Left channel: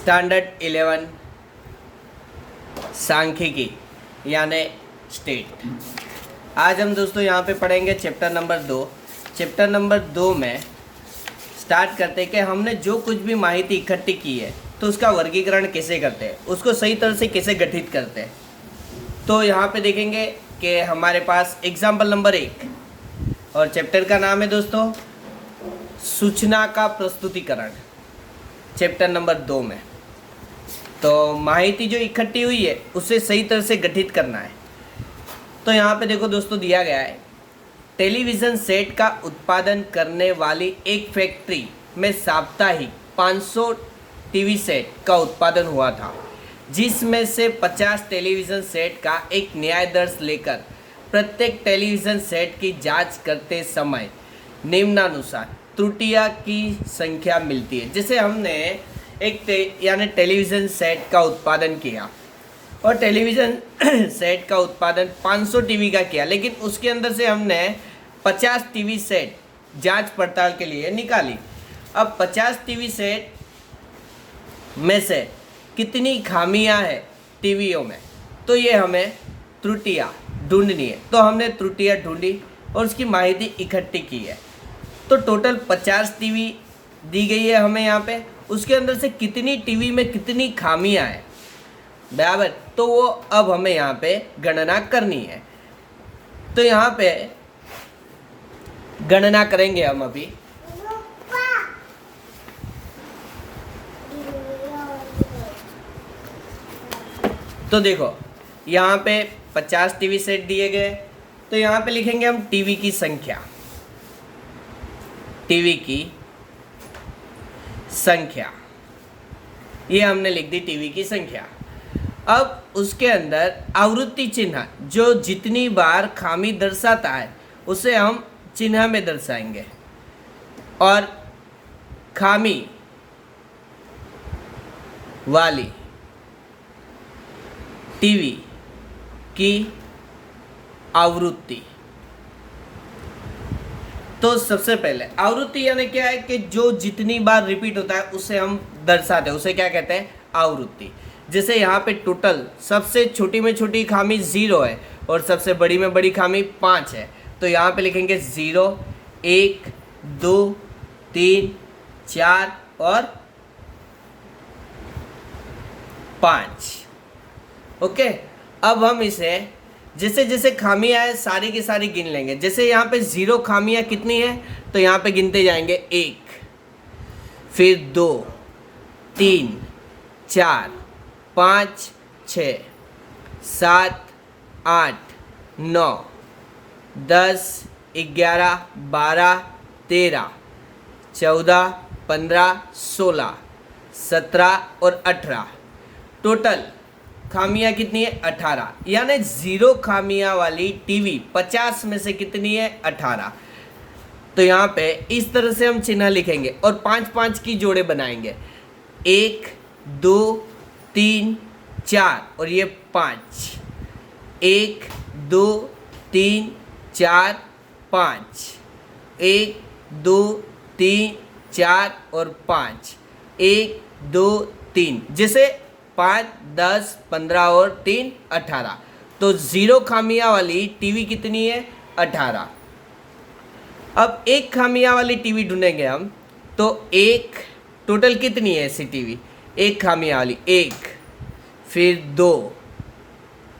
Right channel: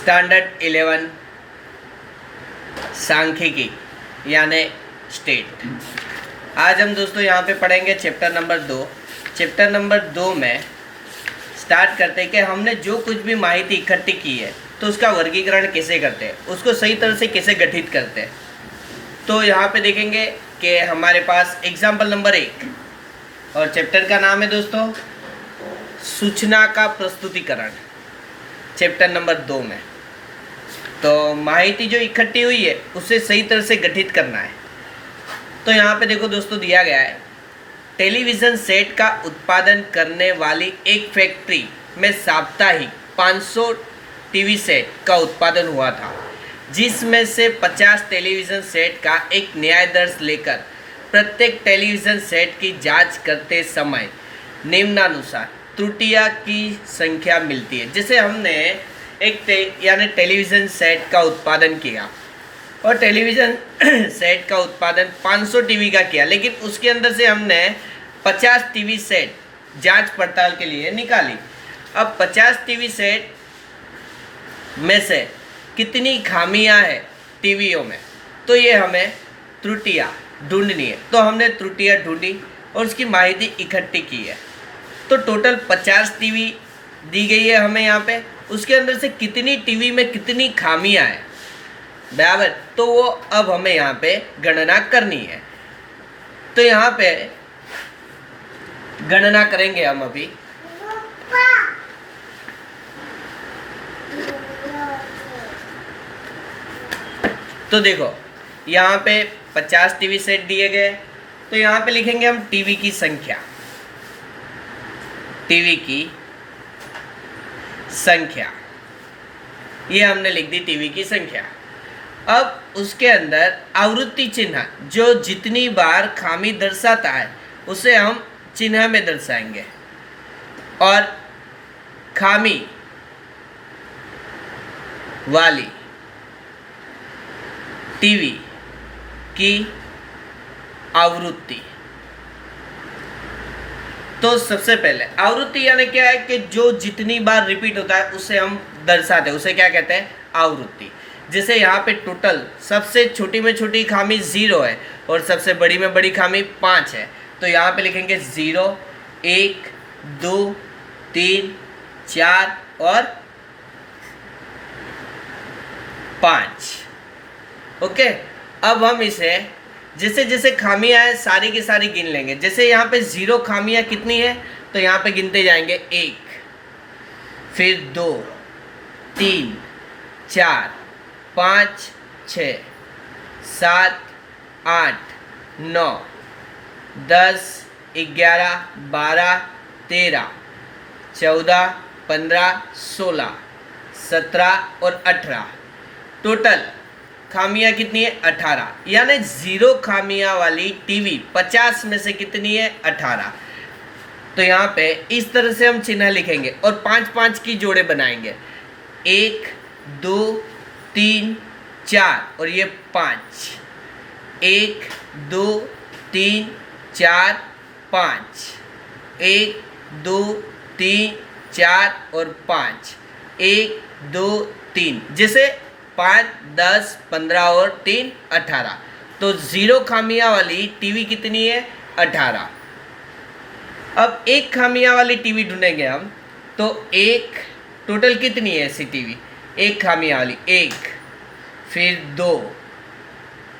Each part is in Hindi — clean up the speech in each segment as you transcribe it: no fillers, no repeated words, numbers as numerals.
स्टैंडर्ड 11 सांख्यिकी यानी स्टेट। आज हम दोस्तों यहाँ पे पढ़ेंगे चैप्टर नंबर 2। चैप्टर नंबर 2 में स्टार्ट करते हैं कि हमने जो कुछ भी माहिती इकट्ठी की है तो उसका वर्गीकरण कैसे करते हैं, उसको सही तरह से कैसे गठित करते हैं। तो यहाँ पे देखेंगे कि हमारे पास एग्जाम्पल नंबर 1 और चैप्टर का नाम है दोस्तों सूचना का प्रस्तुतिकरण। चैप्टर नंबर 2 में तो माहिती जो इकट्ठी हुई है उसे सही तरह से गठित करना है। तो यहाँ पे देखो दोस्तों दिया गया है, टेलीविज़न सेट का उत्पादन करने वाली एक फैक्ट्री में साप्ताहिक 500 टीवी सेट का उत्पादन हुआ था, जिसमें से 50 टेलीविज़न सेट का एक न्यायाधीश लेकर प्रत्येक टेलीविज़न सेट की जांच करते समय निम्नानुसार त्रुटियां की संख्या मिलती है। जैसे हमने एक यानी टेलीविज़न सेट का उत्पादन किया और टेलीविज़न सेट का उत्पादन 500 टीवी का किया, लेकिन उसके अंदर से हमने 50 टीवी सेट जांच पड़ताल के लिए निकाली। अब 50 टीवी सेट में से कितनी खामियां हैं टीवीओं में, तो ये हमें त्रुटियां ढूंढनी है। तो हमने त्रुटियां ढूंढी और उसकी माहिती इकट्ठी की है। तो टोटल 50 टीवी दी गई है हमें यहाँ पे, उसके अंदर से कितनी टीवी में कितनी खामियां हैं बराबर, तो वो अब हमें यहाँ पे गणना करनी है। तो यहाँ पे गणना करेंगे हम अभी। तो देखो यहाँ पे 50 टीवी सेट दिए गए, तो यहाँ पे लिखेंगे हम टीवी की संख्या। टीवी की संख्या ये हमने लिख दी, टीवी की संख्या। अब उसके अंदर आवृत्ति चिन्ह जो जितनी बार खामी दर्शाता है उसे हम चिन्ह में दर्शाएंगे, और खामी वाली टीवी की आवृत्ति। तो सबसे पहले आवृत्ति यानी क्या है कि जो जितनी बार रिपीट होता है उसे हम दर्शाते हैं, उसे क्या कहते हैं, आवृत्ति। जैसे यहाँ पे टोटल सबसे छोटी में छोटी खामी 0 है और सबसे बड़ी में बड़ी खामी 5 है। तो यहाँ पे लिखेंगे 0, 1, 2, 3, 4 और 5। ओके, अब हम इसे जैसे जैसे खामियां हैं सारी की सारी गिन लेंगे। जैसे यहाँ पे 0 खामियां कितनी है, तो यहाँ पे गिनते जाएंगे 1, फिर 2, 3, 4, 5, 6, 7, 8, 9, 10, 11, 12, 13, 14, 15, 16, 17 और 18। टोटल खामियां कितनी है, 18। यानी 0 खामियां वाली टीवी 50 में से कितनी है, 18। तो यहाँ पे इस तरह से हम चिन्ह लिखेंगे और 5-5 की जोड़े बनाएंगे, 1, 2, 3, 4 और ये 5, 1, 2, 3, 4, 5, 1, 2, 3, 4 और 5, 1, 2, 3। जैसे 5, 10, 15 और 3, 18। तो 0 खामियां वाली टीवी कितनी है, 18। अब 1 खामियां वाली टीवी ढूंढेंगे हम, तो 1 टोटल कितनी है ऐसी टीवी 1 खामियां वाली, 1, फिर 2,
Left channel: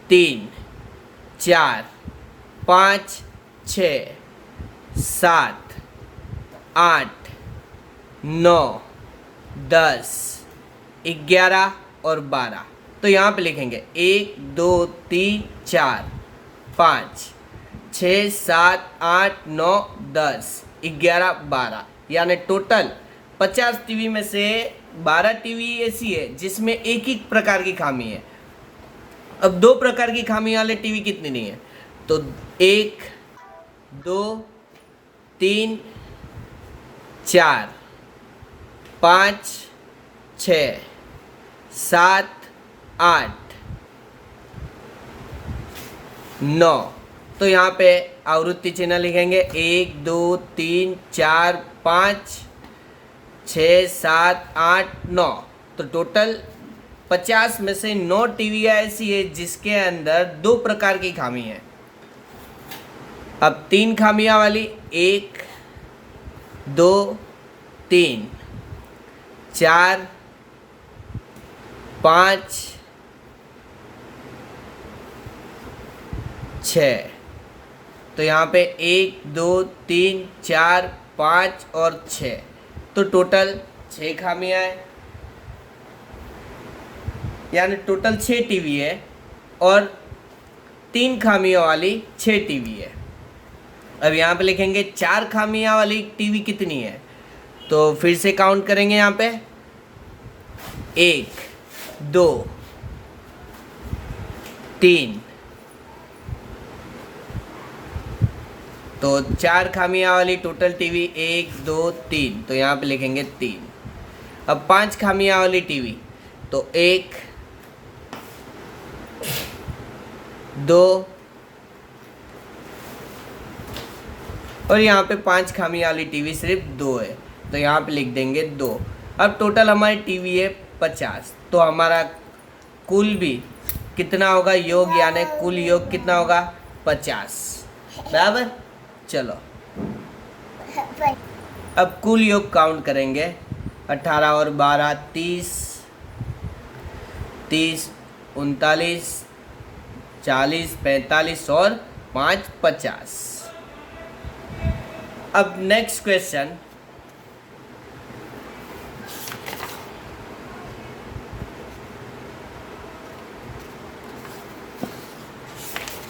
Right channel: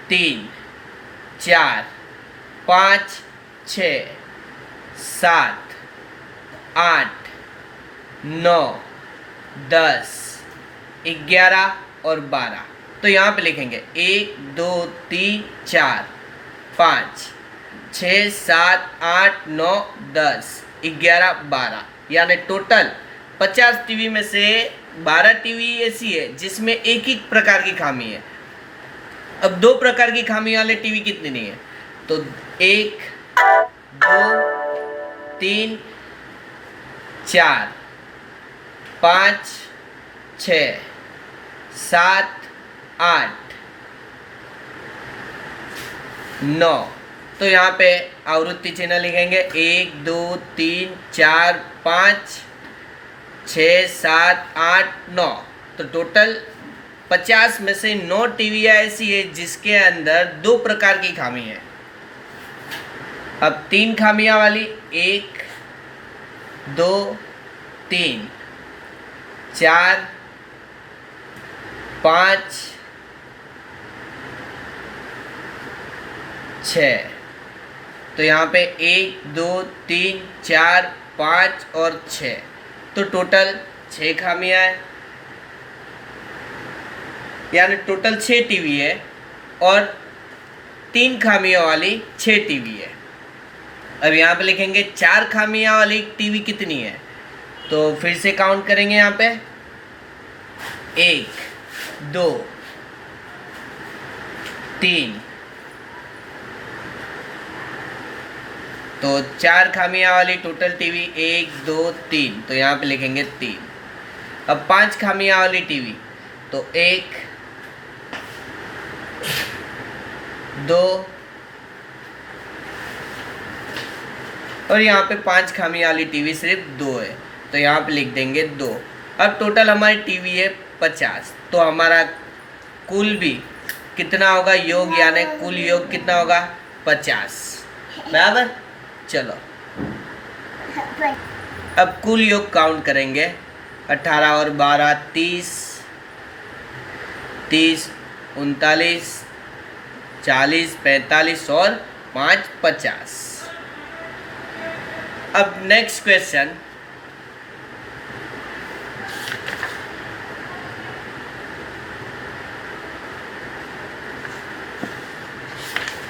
3, 4, 5, 6, 7, 8, 9, 10, 11 और 12। तो यहाँ पे लिखेंगे 1, 2, 3, 4, 5, 6, 7, 8, 9, 10, 11, 12। यानी टोटल 50 टीवी में से 12 टीवी ऐसी है जिसमें एक ही प्रकार की खामी है। अब 2 प्रकार की खामी वाले टीवी कितने नहीं है, तो 1, 2, 3, 4, 5, 6, 7, 8, 9। तो यहाँ पे आवृत्ति चिन्ह लिखेंगे 1, 2, 3, 4, 5, 6, 7, 8, 9। तो टोटल 50 में से 9 टीवियाँ ऐसी है जिसके अंदर 2 प्रकार की खामी है। अब 3 खामियां वाली 1 2 3 4 5 6, तो यहाँ पे 1 2 3 4 5 और 6, तो टोटल 6 खामियां हैं, यानी टोटल 6 टीवी है और 3 खामियों वाली 6 टीवी है। अब यहाँ पे लिखेंगे 4 खामियां वाली टीवी कितनी है, तो फिर से काउंट करेंगे यहाँ पे 1 2 3, तो 4 खामियां वाली टोटल टीवी 1 2 3, तो यहाँ पे लिखेंगे 3। अब 5 खामियां वाली टीवी, तो 1 2 और यहाँ पे 5 खामियां वाली टीवी सिर्फ 2 है, तो यहाँ पे लिख देंगे 2। अब टोटल हमारी टीवी है 50, तो हमारा कुल भी कितना होगा योग, यानी कुल योग कितना होगा 50, बराबर। चलो अब कुल योग काउंट करेंगे, 18 और 12 30, 30 39 40 45 और 5 50। अब नेक्स्ट क्वेश्चन,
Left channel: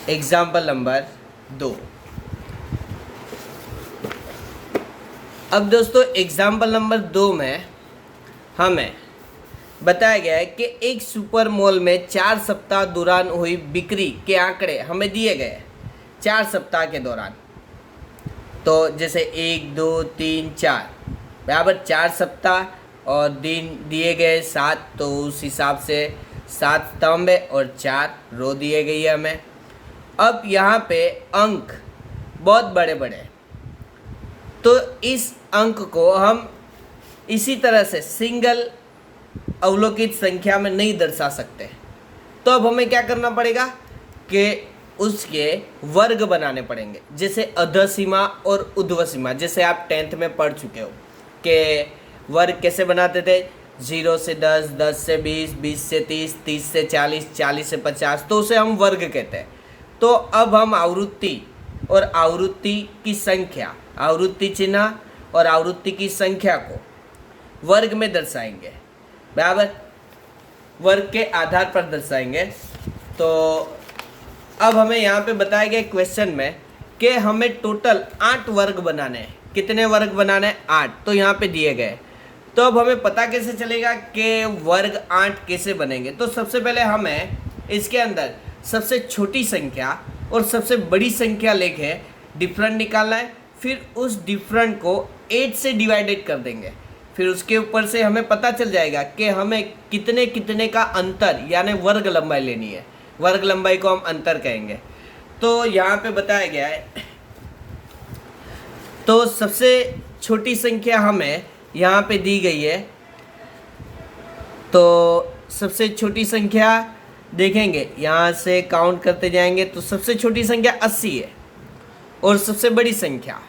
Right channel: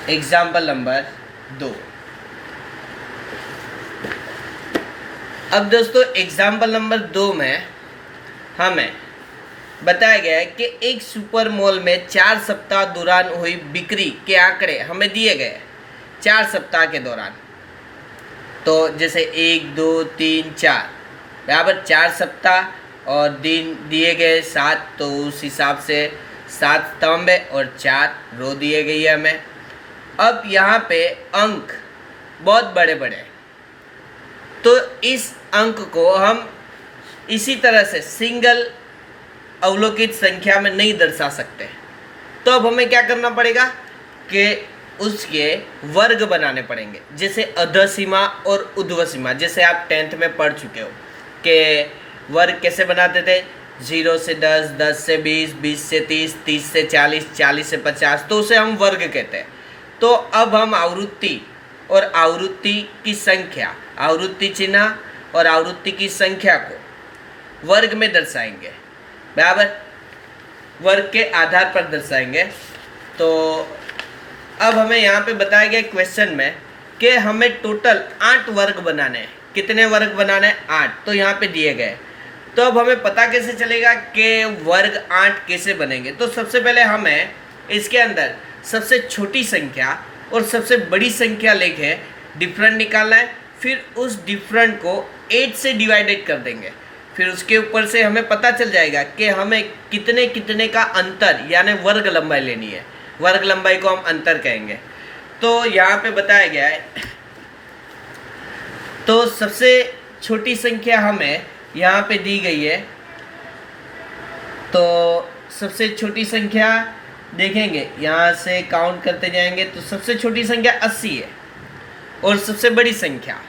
एग्जाम्पल नंबर 2। अब दोस्तों एग्जाम्पल नंबर 2 में हमें बताया गया है कि एक सुपर मॉल में 4 सप्ताह दौरान हुई बिक्री के आंकड़े हमें दिए गए 4 सप्ताह के दौरान। तो जैसे 1 2 3 4 बराबर 4 सप्ताह और दिन दिए गए 7, तो उस हिसाब से 7 स्तंभ और 4 रो दिए गई है हमें। अब यहाँ पे अंक बहुत बड़े बड़े हैं, तो इस अंक को हम इसी तरह से सिंगल अवलोकित संख्या में नहीं दर्शा सकते। तो अब हमें क्या करना पड़ेगा कि उसके वर्ग बनाने पड़ेंगे, जैसे अधः सीमा और ऊर्ध्व सीमा। जैसे आप 10th में पढ़ चुके हो कि वर्ग कैसे बनाते थे, 0 से 10, 10 से 20, 20 से 30, 30 से 40, 40 से 50, तो उसे हम वर्ग कहते हैं। तो अब हम आवृत्ति और आवृत्ति की संख्या, आवृत्ति चिन्ह और आवृत्ति की संख्या को वर्ग में दर्शाएंगे, बराबर, वर्ग के आधार पर दर्शाएंगे। तो अब हमें यहाँ पे बताया गया क्वेश्चन में कि हमें टोटल 8 वर्ग बनाने हैं। कितने वर्ग बनाने हैं? 8, तो यहाँ पे दिए गए। तो अब हमें पता कैसे चलेगा कि वर्ग 8 कैसे बनेंगे? तो सबसे पहले हमें इसके अंदर सबसे छोटी संख्या और सबसे बड़ी संख्या लेके डिफरेंट निकालना है, फिर उस डिफरेंट को 8 से डिवाइडेड कर देंगे। फिर उसके ऊपर से हमें पता चल जाएगा कि हमें कितने कितने का अंतर यानी वर्ग लंबाई लेनी है। वर्ग लंबाई को हम अंतर कहेंगे। तो यहाँ पे बताया गया है, तो सबसे छोटी संख्या हमें यहाँ पे दी गई है। तो सबसे छोटी संख्या देखेंगे, यहाँ से काउंट करते जाएंगे तो सबसे छोटी संख्या 80 है और सबसे बड़ी संख्या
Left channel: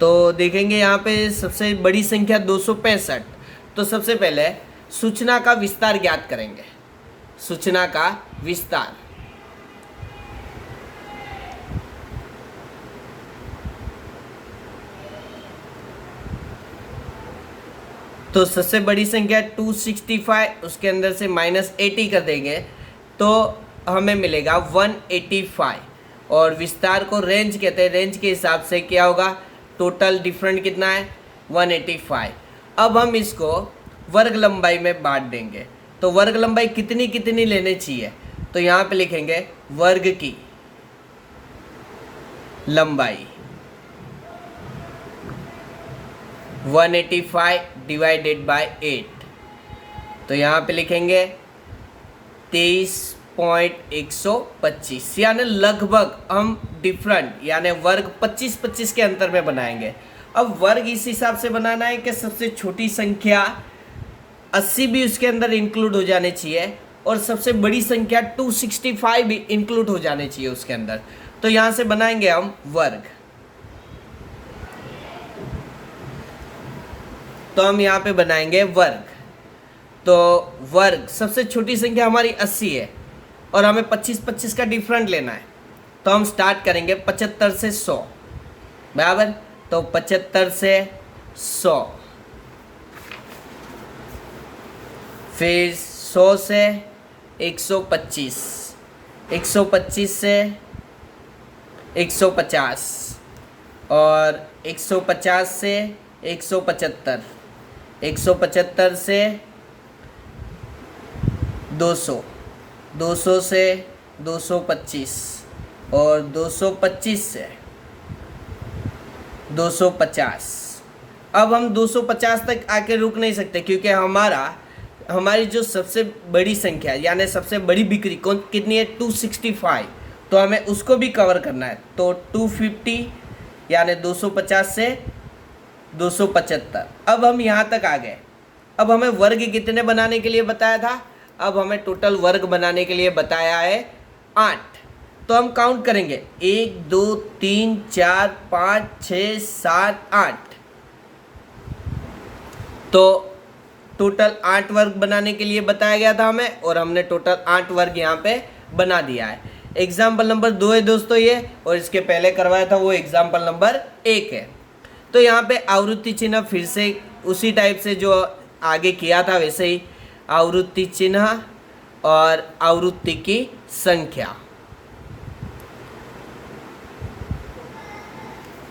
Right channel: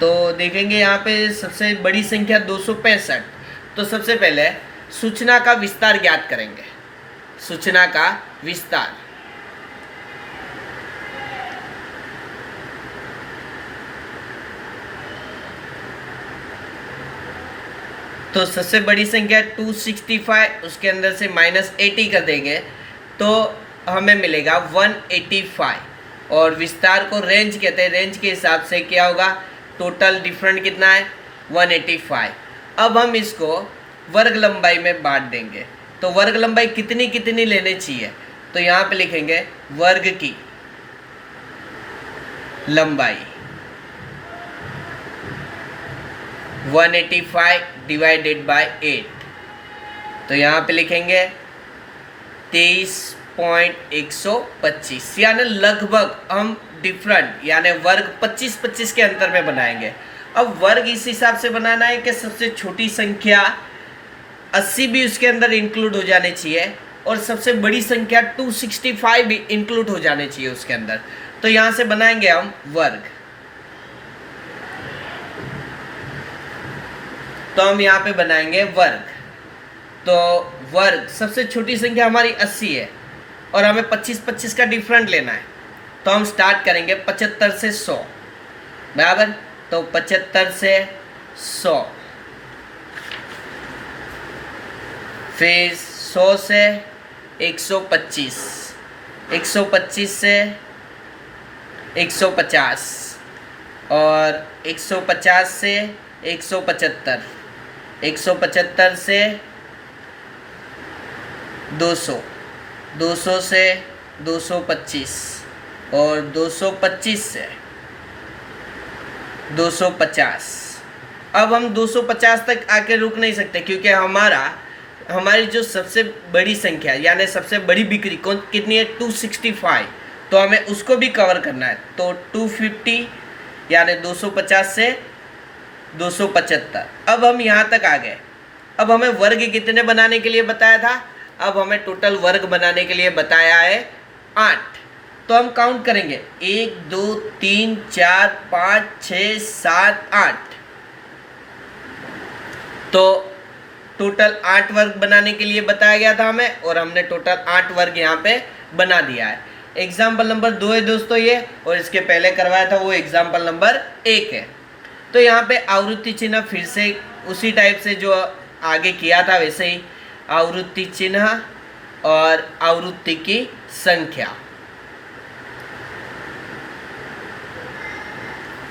तो देखेंगे यहाँ पे सबसे बड़ी संख्या 265। तो सबसे पहले सूचना का विस्तार ज्ञात करेंगे। सूचना का विस्तार, तो सबसे बड़ी संख्या 265, उसके अंदर से -80 कर देंगे तो हमें मिलेगा 185। और विस्तार को रेंज कहते हैं, रेंज के हिसाब से क्या होगा, टोटल डिफरेंट कितना है 185। अब हम इसको वर्ग लंबाई में बांट देंगे। तो वर्ग लंबाई कितनी कितनी लेनी चाहिए, तो यहाँ पे लिखेंगे वर्ग की लंबाई 185 डिवाइडेड बाय 8, तो यहाँ पे लिखेंगे 23.125, यानी लगभग हम डिफरेंट यानी वर्ग 25-25 के अंतर में बनाएंगे। अब वर्ग इस हिसाब से बनाना है कि सबसे छोटी संख्या 80 भी उसके अंदर इंक्लूड हो जाने चाहिए और सबसे बड़ी संख्या 265 भी इंक्लूड हो जाने चाहिए उसके अंदर। तो यहां से बनाएंगे हम वर्ग। तो हम यहां पे बनाएंगे वर्ग। तो वर्ग सबसे छोटी संख्या हमारी 80 है और हमें 25-25 का डिफरेंट लेना है। तो हम स्टार्ट करेंगे 75 से 100 बराबर। तो 75 से 100, फिर 100 से 125, 125 से 150 और 150 से 175, 175 से 200, 200 से 225 और 225 से 250। अब हम 250 तक आके रुक नहीं सकते क्योंकि हमारी जो सबसे बड़ी संख्या यानी सबसे बड़ी बिक्री कितनी है 265, तो हमें उसको भी कवर करना है। तो 250 यानी 250 से 275। अब हम यहाँ तक आ गए। अब हमें वर्ग कितने बनाने के लिए बताया था? अब हमें टोटल वर्ग बनाने के लिए बताया है 8। तो हम काउंट करेंगे 1 2 3 4 5 6 7 8। तो टोटल 8 वर्ग बनाने के लिए बताया गया था हमें और हमने टोटल 8 वर्ग यहाँ पे बना दिया है। एग्जाम्पल नंबर 2 है दोस्तों ये, और इसके पहले करवाया था वो एग्जाम्पल नंबर 1 है। तो यहाँ पे आवृत्ति चिन्ह फिर से उसी टाइप से जो आगे किया था वैसे ही आवृत्ति चिन्ह और आवृत्ति की संख्या।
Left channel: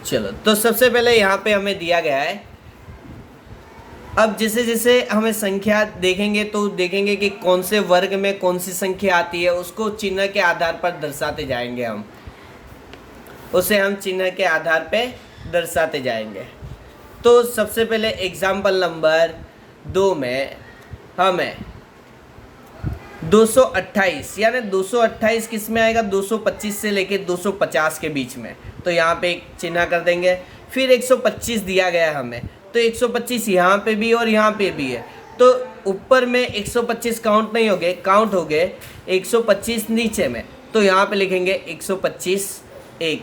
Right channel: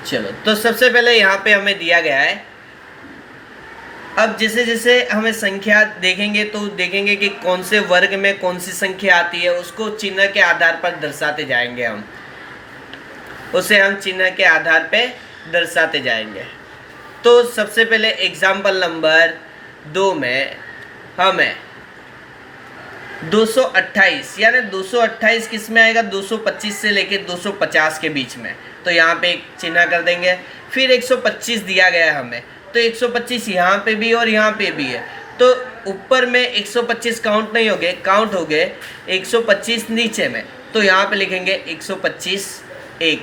चलो, तो सबसे पहले यहाँ पे हमें दिया गया है। अब जैसे जैसे हमें संख्या देखेंगे तो देखेंगे कि कौन से वर्ग में कौन सी संख्या आती है, उसको चिन्ह के आधार पर दर्शाते जाएंगे हम, उसे हम चिन्ह के आधार पे दर्शाते जाएंगे। तो सबसे पहले एग्जाम्पल नंबर 2 में हमें 228 यानी 228 किस में आएगा? 225 से लेके 250 के बीच में। तो यहाँ पे एक चिन्ह कर देंगे। फिर 125 दिया गया है हमें, तो 125 यहाँ पे भी और यहाँ पे भी है। तो ऊपर में 125 काउंट नहीं हो गए, काउंट हो गए 125 नीचे में। तो यहाँ पे लिखेंगे 125 1।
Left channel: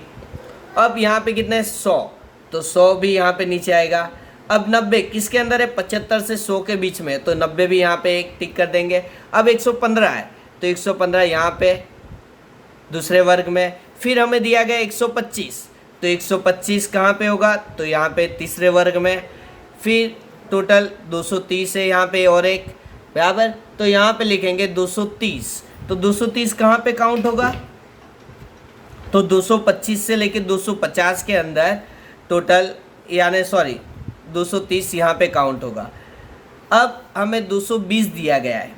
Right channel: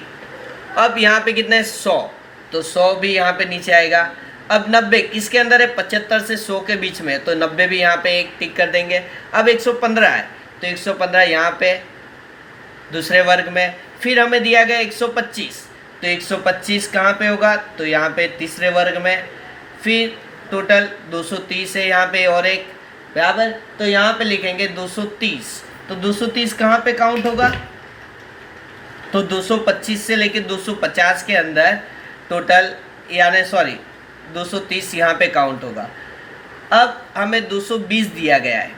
अब यहाँ पे कितना है? 100, तो 100 भी यहाँ पे नीचे आएगा। अब 90 किसके अंदर है? 75 से 100 के बीच में, तो 90 भी यहाँ पे एक टिक कर देंगे। अब 115 है, तो 115 यहाँ पे दूसरे वर्ग में। फिर हमें दिया गया 125, तो 125 कहाँ पे होगा? तो यहाँ पे तीसरे वर्ग में। फिर टोटल 230 है यहाँ पे और एक बराबर, तो यहाँ पे लिखेंगे 230। तो 230 कहाँ पे काउंट होगा? तो 225 से लेके 250 के अंदर टोटल यानी 230 यहाँ पे काउंट होगा। अब हमें 220 दिया गया है।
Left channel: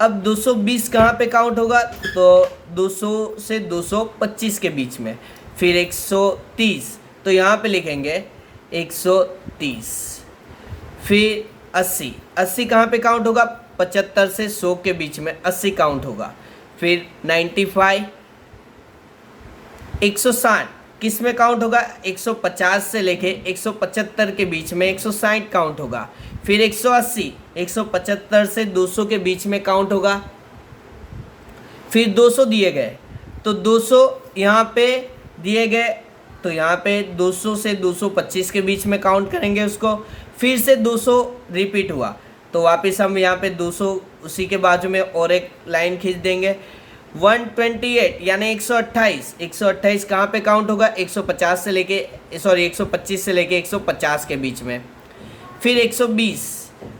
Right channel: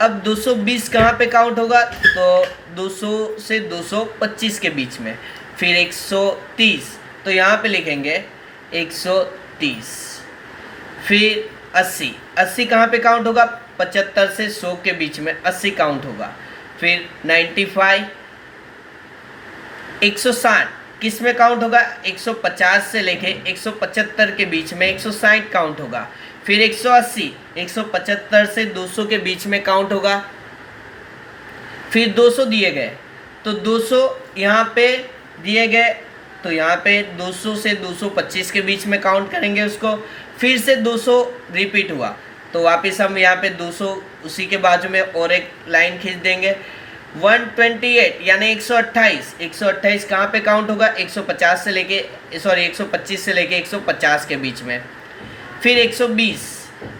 अब 220 कहाँ पे काउंट होगा? तो 200 से 225 के बीच में। फिर 130, तो यहाँ पे लिखेंगे 130। फिर 80, 80 कहाँ पे काउंट होगा? 75 से 100 के बीच में 80 काउंट होगा। फिर 95, 160 किस में काउंट होगा? 150 से लेके 175 के बीच में 160 काउंट होगा। फिर 180, 175 से 200 के बीच में काउंट होगा। फिर 200 दिए गए, तो 200 यहाँ पे दिए गए, तो यहाँ पे 200 से 225 के बीच में काउंट करेंगे उसको। फिर से 200 रिपीट हुआ, तो वापस हम यहाँ पे 200 उसी के बाजू में और एक लाइन खींच देंगे। 128 यानी 128, 128 कहाँ पे काउंट होगा? 125 से लेके 150 के बीच में। फिर 120,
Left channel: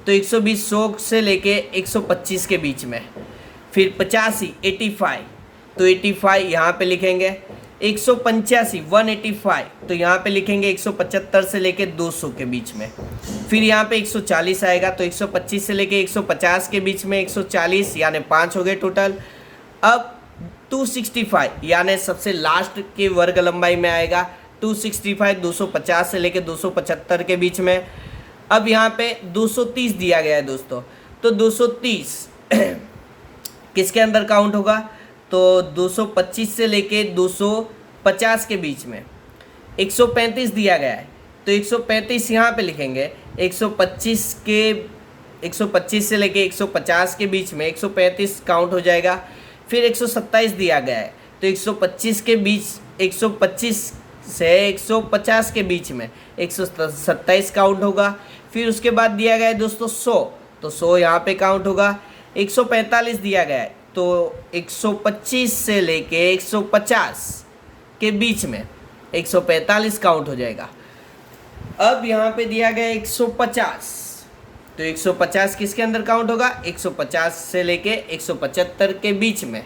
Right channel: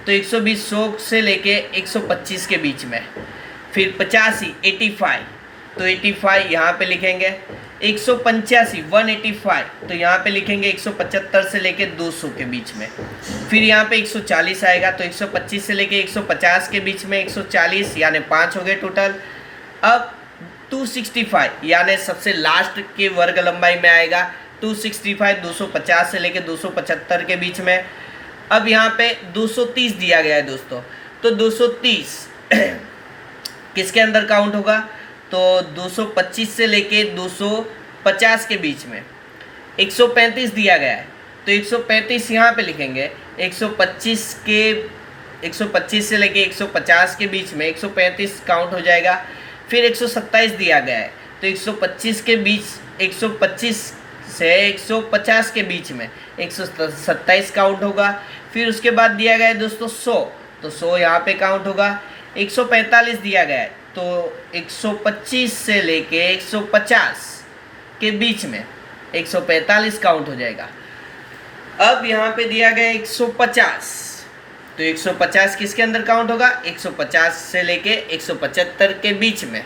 तो 120 100 से लेके 125 के बीच में। फिर 85, 85, तो 85 यहाँ पे लिखेंगे। 185, 185, तो यहाँ पे लिखेंगे 175 से लेके 200 के बीच में। फिर यहाँ पे 140 आएगा, तो 125 से लेके 150 के बीच में 140 यानी 5 हो गए टोटल। अब 265 यानी सबसे लास्ट के वर्ग लंबाई में आएगा 265, 250 से लेके 275 के बीच में। अब यहाँ पे 230 दिया गया है दोस्तों, तो 230 किसके अंदर काउंट होगा? तो 225 से लेके 250 के बीच में। 135 दिया गया है, तो 135 यहाँ पे लिखेंगे। 125 के 125 से लेके 150 के बीच में 135 काउंट हो जाएगा। फिर 127 दिया गया है तो 125 के बीच 125 से 150 के बीच में 127 काउंट होगा। फिर उसके बाद दिया गया है दोस्तों 100, तो 100 यहाँ पे काउंट होगा। 145 दिया गया है तो 125 से लेके 150 के बीच में 145 काउंट हो जाएगा। अब यहाँ पे दिया गया 150, तो 150 किसके अंदर काउंट होगा? 150 से लेके 175 के बीच में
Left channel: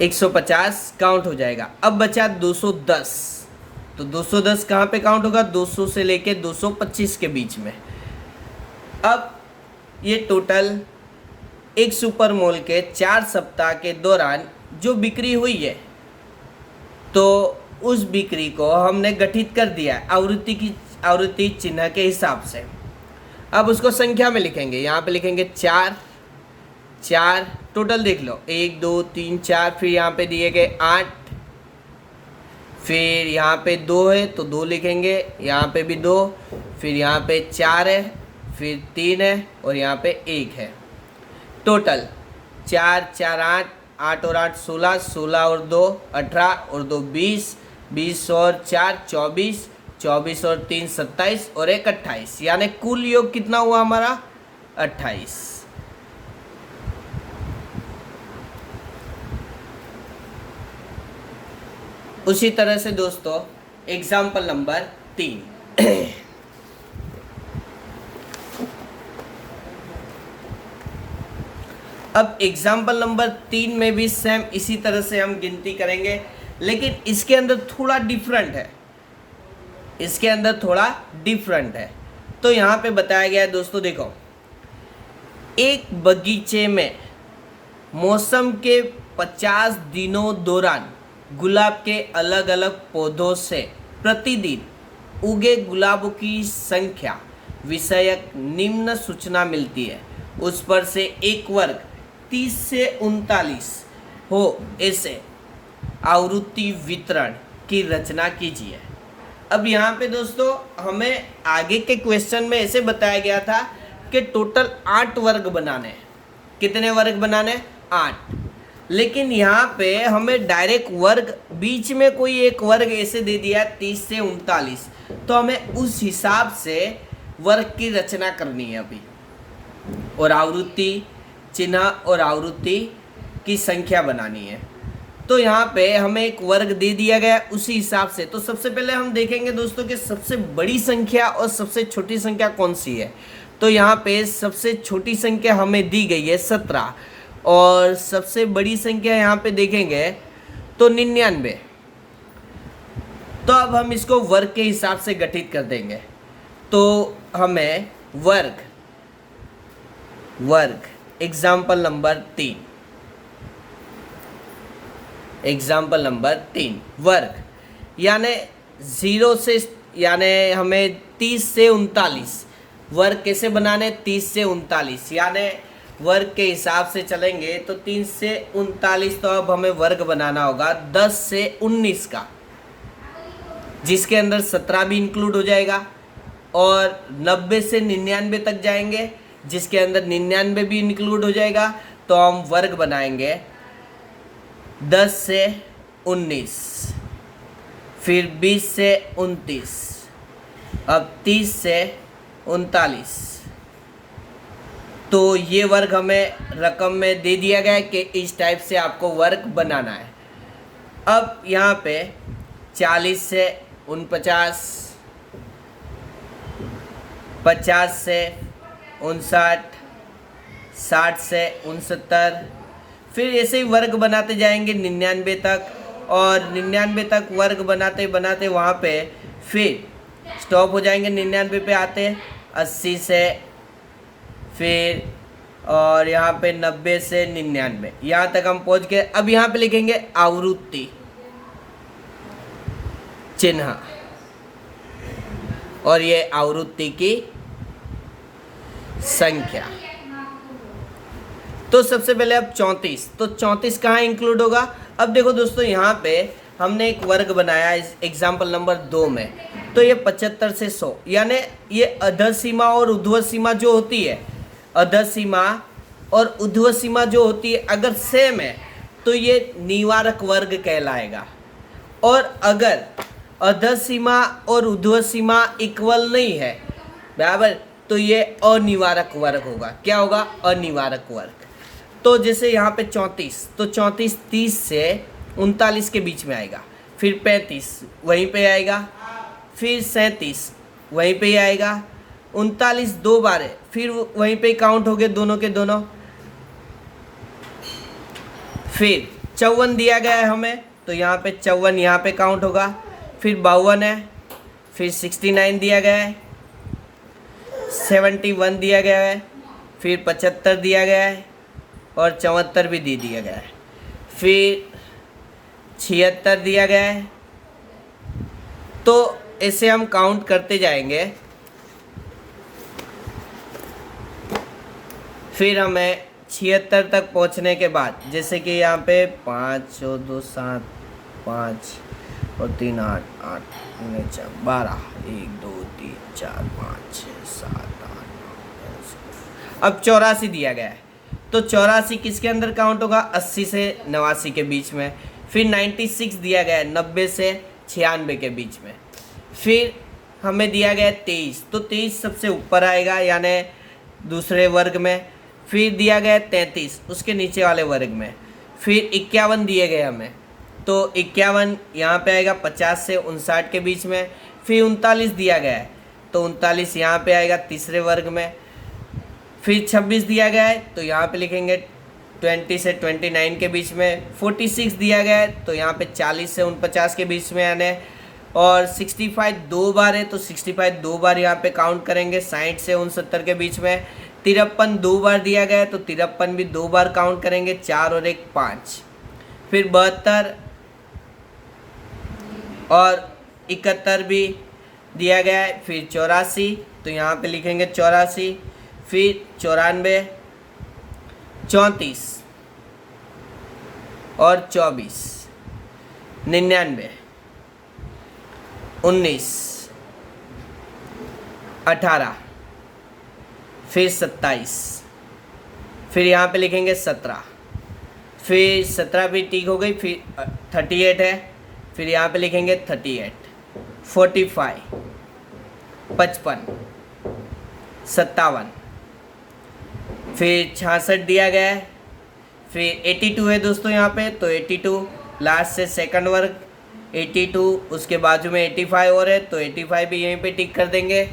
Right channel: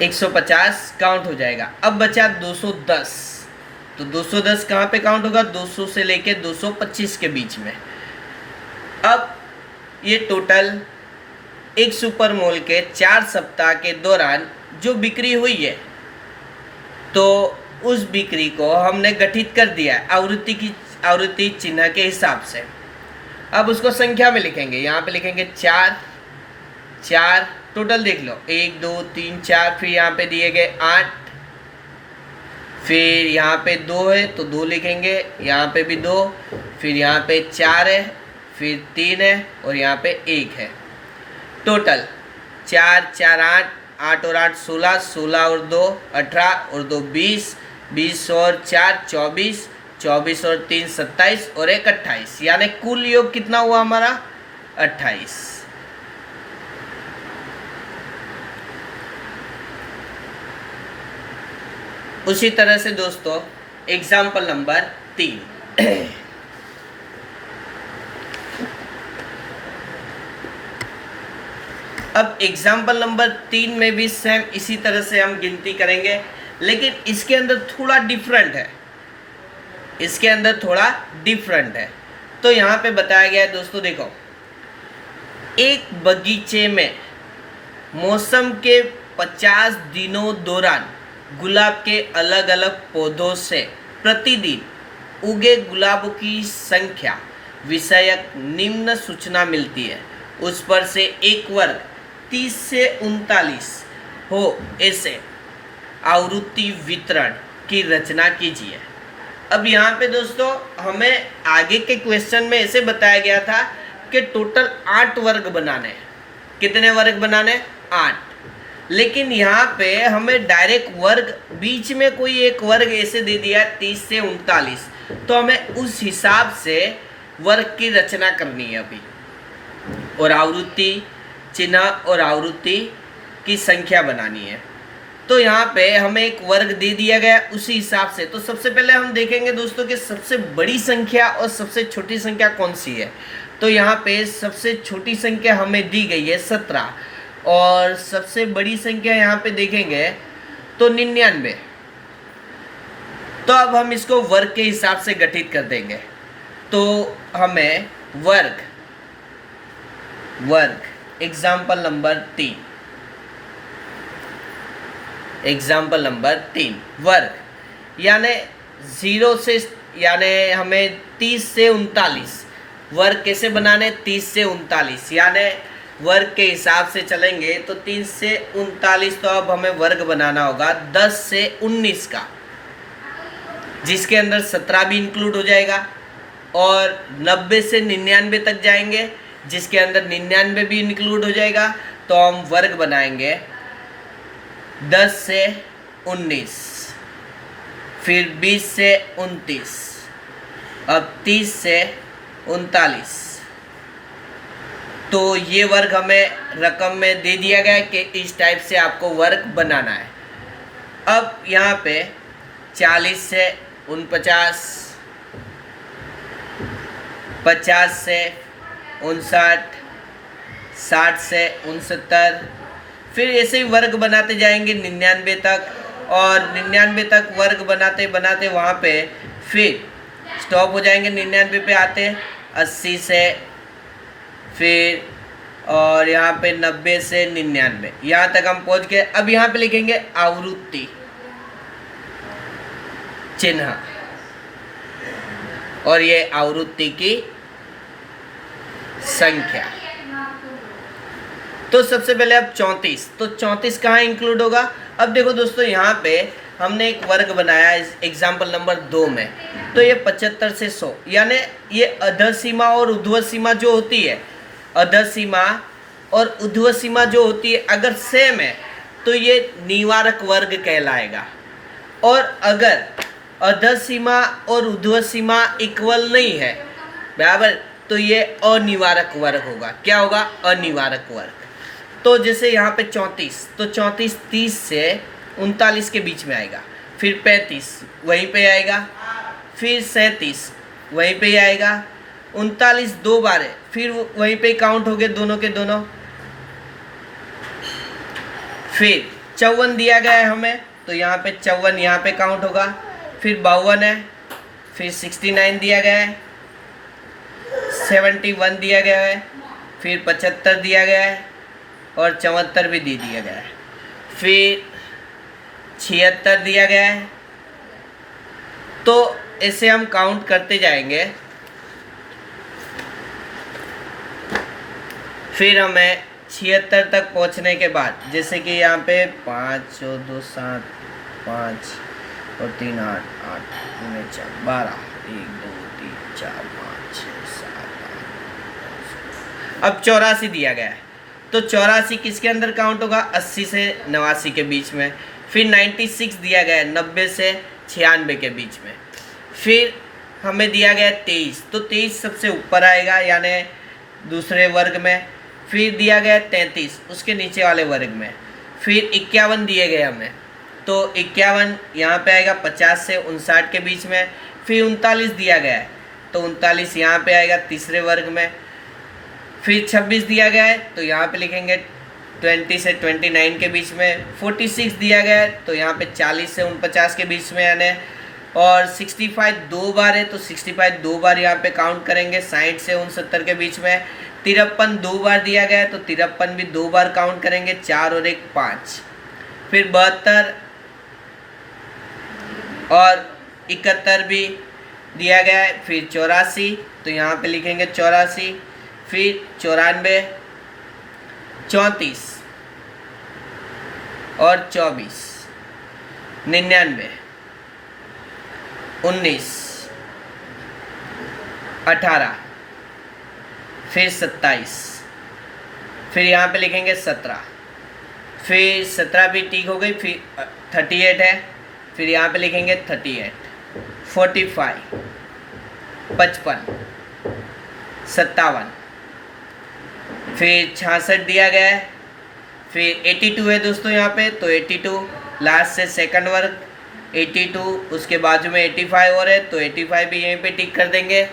150 काउंट हो जाएगा। अब बचा 210, तो 210 कहाँ पे काउंट होगा? 200 से लेके 225 के बीच में। अब ये टोटल एक सुपर मोल के 4 सप्ताह के दौरान जो बिक्री हुई है, तो उस बिक्री को हमने गठित कर दिया है आवृत्ति चिन्ह के हिसाब से। अब उसको संख्या में लिखेंगे, यहाँ पे लिखेंगे 4 टोटल देख लो 1 2 3 4, फिर यहाँ पे दिए गए 8, फिर यहाँ पे 2 है तो 2 लिखेंगे, यहाँ पे भी 2, फिर यहाँ पे 4 है, फिर 3 है और यहाँ पे 1 है। टोटल 4 4 8 और 8 16, 16 और 2 18 और 2 20, 20 और 4 24, 24 और 3 27 और 1 28, यानी कुल योग कितना हुआ हमारा? 28। उसी तरह से दोस्तों एग्जाम्पल नंबर 3 अब एग्जाम्पल नंबर 3 में भी सेम इसी तरह से हम गिनती करेंगे, लेकिन इसके अंदर थोड़ा डिफरेंट है, इसके अंदर थोड़ा डिफरेंट है। तो यहाँ पे बताया गया है दोस्तों, देखो एक बगीचे में मौसम के 50 दिनों दौरान गुलाब के अलग अलग पौधों से प्रतिदिन उगे गुलाबों की संख्या विषयक निम्न सूचना मिलती है। उस पर से एक वर्ग 30 से 39 हो ऐसे आवृत्ति वितरण की रचना कीजिए। अब यहाँ पे दोस्तों हमें आगे के क्वेश्चन में ऐसे बताया गया था कि टोटल 8 वर्ग बनाने। कितने वर्ग बनाने? 8। लेकिन यहाँ पे हमें डायरेक्ट वर्ग, बीच में कोई एक वर्ग ऐसे दे दिया 30 से 39, तो हमें उस हिसाब से वर्ग की रचना करनी है अभी, और आवृत्ति चिन्ह और आवृत्ति की संख्या बनानी है। तो यहाँ पे हमें एक वर्ग दे दिया गया उसी हिसाब से। तो सबसे पहले हम देखेंगे दोस्तों कि सबसे बड़ी संख्या और सबसे छोटी संख्या कौन सी है। तो यहाँ पे सबसे छोटी संख्या हमें दी गई है 17, और सबसे बड़ी संख्या यहाँ पे देखेंगे तो 99। तो अब हम इसको वर्ग के हिसाब से गठित कर देंगे। तो हमें वर्ग एग्जाम्पल नंबर 3 वर्ग यानी 0 से, यानी हमें 30 से 39 वर्ग कैसे बनाने? 30 से 39, यानी वर्ग के हिसाब से चलेंगे तो 30 से 39। तो अब हमें वर्ग बनाना होगा 10 से 19 का, जिसके अंदर 17 भी इंक्लूड हो जाएगा, और 90 से 99 तक जाएंगे, जिसके अंदर 99 भी इंक्लूड हो जाएगा। तो हम वर्ग बनाएंगे 10 से 19, फिर 20 से 29, अब 30 से 39। तो ये वर्ग हमें रकम में दे दिया गया है कि इस टाइप से आपको वर्ग बनाना है। अब यहाँ पे 40 से 49, 50 से 59, 60 से 69, फिर ऐसे ही वर्ग बनाते जाएंगे 99 तक, और 99 तक वर्ग बनाते बनाते वहाँ पे फिर स्टॉप हो जाएंगे 99 पे आते 80 से, फिर और यहाँ पे 90 से 99, यहाँ तक हम पहुँच गए। अब यहाँ पे लिखेंगे आवृत्ति चिन्ह, और ये आवृत्ति की संख्या। तो सबसे पहले अब 34, तो 34 कहाँ इंक्लूड होगा? अब देखो दोस्तों यहाँ पे हमने एक वर्ग बनाया इस एग्जाम्पल नंबर 2 में, तो ये 75 से 100, यानी ये अधर सीमा और ऊर्ध्व सीमा जो होती है, अधर सीमा और ऊर्ध्व सीमा जो होती है अगर सेम है तो ये निवारक वर्ग कहलाएगा। और अगर अधर सीमा और ऊर्ध्व सीमा इक्वल नहीं है, बराबर, तो ये अनिवारक वर्ग होगा। क्या होगा? अनिवारक वर्ग। तो जैसे यहाँ पे 34, तो 34 30 से 39 के बीच में आएगा, फिर 35 वहीं पे आएगा, फिर 37 वहीं पे ही आएगा, 39 दो बार है, फिर वहीं पे काउंट हो गए दोनों के दोनों। फिर 54 दिया गया है हमें, तो यहाँ पे 54 यहाँ पे काउंट होगा, फिर 52 है, फिर 69 दिया गया है, 71 दिया गया है, फिर 75 दिया गया है और 74 भी दे दिया गया है, फिर 76 दिया गया है। तो इसे हम काउंट करते जाएंगे, फिर हमें 76 तक पहुंचने के बाद, जैसे कि यहाँ पे 5 और 2 7 5 और 3 8 8 9 4 12 1 2 3 4 5 6 7 8 अब 84 दिया गया है, तो 84 किसके अंदर काउंट होगा? 80 से 89 के बीच में। फिर 96 दिया गया है, 90 से 96 के बीच में। फिर हमें दिया गया 23, तो 23 सबसे ऊपर आएगा यानी दूसरे वर्ग में। फिर दिया गया 33 उसके नीचे वाले वर्ग में। फिर 51 दिए गए हमें, तो 51 यहाँ पे आएगा 50 से 59 के बीच में। फिर 39 दिया गया है, तो 39 यहाँ पे आएगा तीसरे वर्ग में। फिर 26 दिया गया है, तो यहाँ पे लिखेंगे 20 से 29 के बीच में। 46 दिया गया है, तो यहाँ पे 40 से 49 के बीच में आने। और 65 दो बार है, तो 65 दो बार यहाँ पे काउंट करेंगे, 60 से 69 के बीच में। 53 दो बार दिया गया है, तो 53 भी दो बार काउंट करेंगे, 4 और 1 5। फिर 72 और 71 भी दिया गया है। फिर 84, तो यहाँ पे लिखेंगे 84। फिर 94 34 और 24 99 19 18 फिर 27, फिर यहाँ पे लिखेंगे 17। फिर 17 भी ठीक हो गई। फिर 38 है, फिर यहाँ पे लिखेंगे 38 45 55 57। फिर 66 दिया गया है। फिर 82 है दोस्तों यहाँ पे, तो 82 लास्ट से सेकंड वर्ग 82, उसके बाजू में 85 और है, तो 85 भी यहीं पे टिक कर देंगे।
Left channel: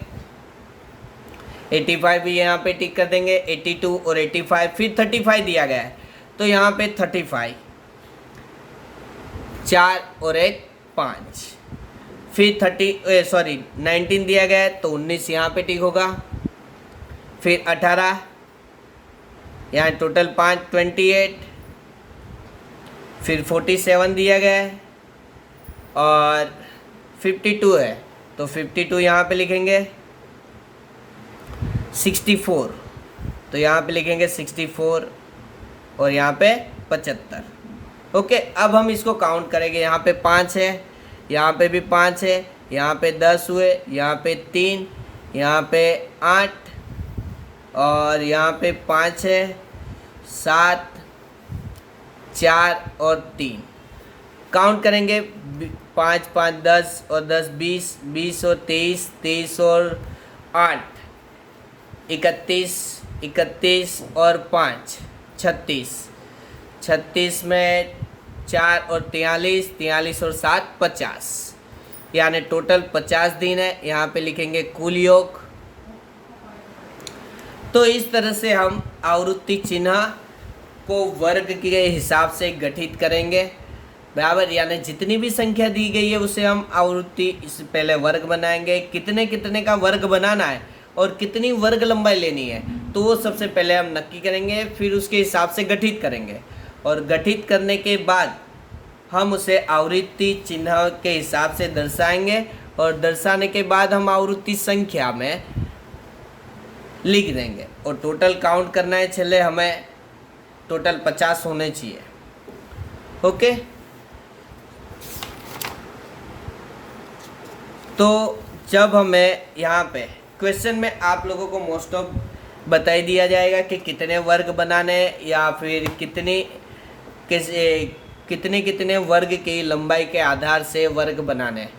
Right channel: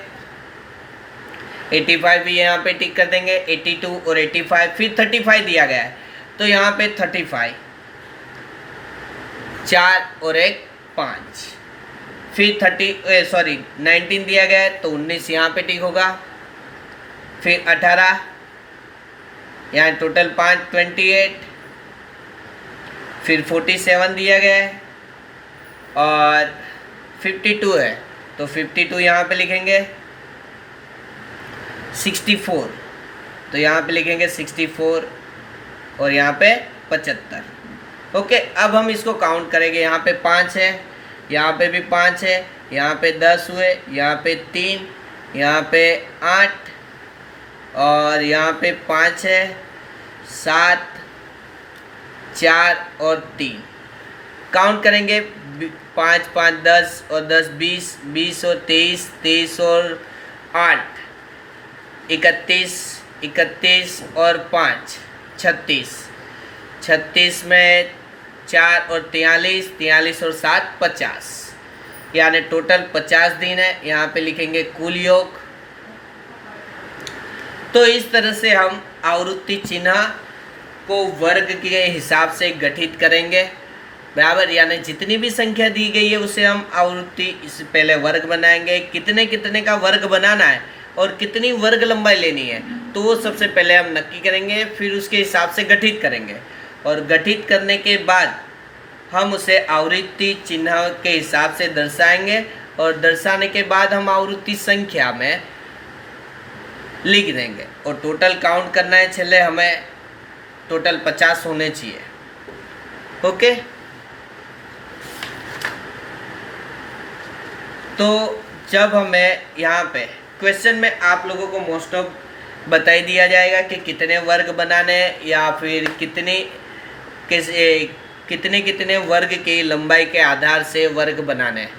85 भी यहाँ पे टिक कर देंगे, 82 और 85। फिर 35 दिया गया है, तो यहाँ पे 35 4 और 1 5। फिर 19 दिया गया है, तो 19 यहाँ पे टिक होगा। फिर 18 यहाँ टोटल 5 28। फिर 47 दिया गया है और 52 है, तो 52 यहाँ पे लिखेंगे। 64, तो यहाँ पे लिखेंगे 64 और यहाँ पे 75। ओके, अब हम इसको काउंट करेंगे। यहाँ पे 5 है, यहाँ पे भी 5 है, यहाँ पे 10 हुए, यहाँ पे 3, यहाँ पे 8 और यहाँ पे 5 है, 7 4 और 3। काउंट करेंगे 5 5 10 और 10 20 20 और 23 23 और 8 31 31 और 5 36 36 में 4 और 43 43 और 7 50, यानी टोटल 50 दिन है। यहाँ पे लिखेंगे कुल योग। तो इस तरह से हम आवृत्ति चिन्ह को वर्ग के हिसाब से गठित करेंगे, बराबर, यानी जितनी भी संख्या दी गई है उसे हम आवृत्ति इससे पहले वर्ग बनाएंगे। कितने कितने का वर्ग बनाना है और कितनी वर्ग लंबाई लेनी है, तो वो सबसे पहले हम नक्की करेंगे, फिर उसके हिसाब से गठित करेंगे। और गठित करने के बाद हम उसे आवृत्ति चिन्ह के हिसाब से दर्शाएंगे और दर्शाने के बाद हम आवृत्ति संख्या में लिख देंगे। और टोटल काउंट करना है, चले हमें टोटल 50 होने चाहिए। ओके, तो जब हमें यहाँ पे क्वेश्चन में आप लोगों को मोस्ट ऑफ बता ही दिया जाएगा कि कितने वर्ग बनाने हैं या फिर कितने कितने वर्ग की लंबाई के आधार से वर्ग बनाने हैं।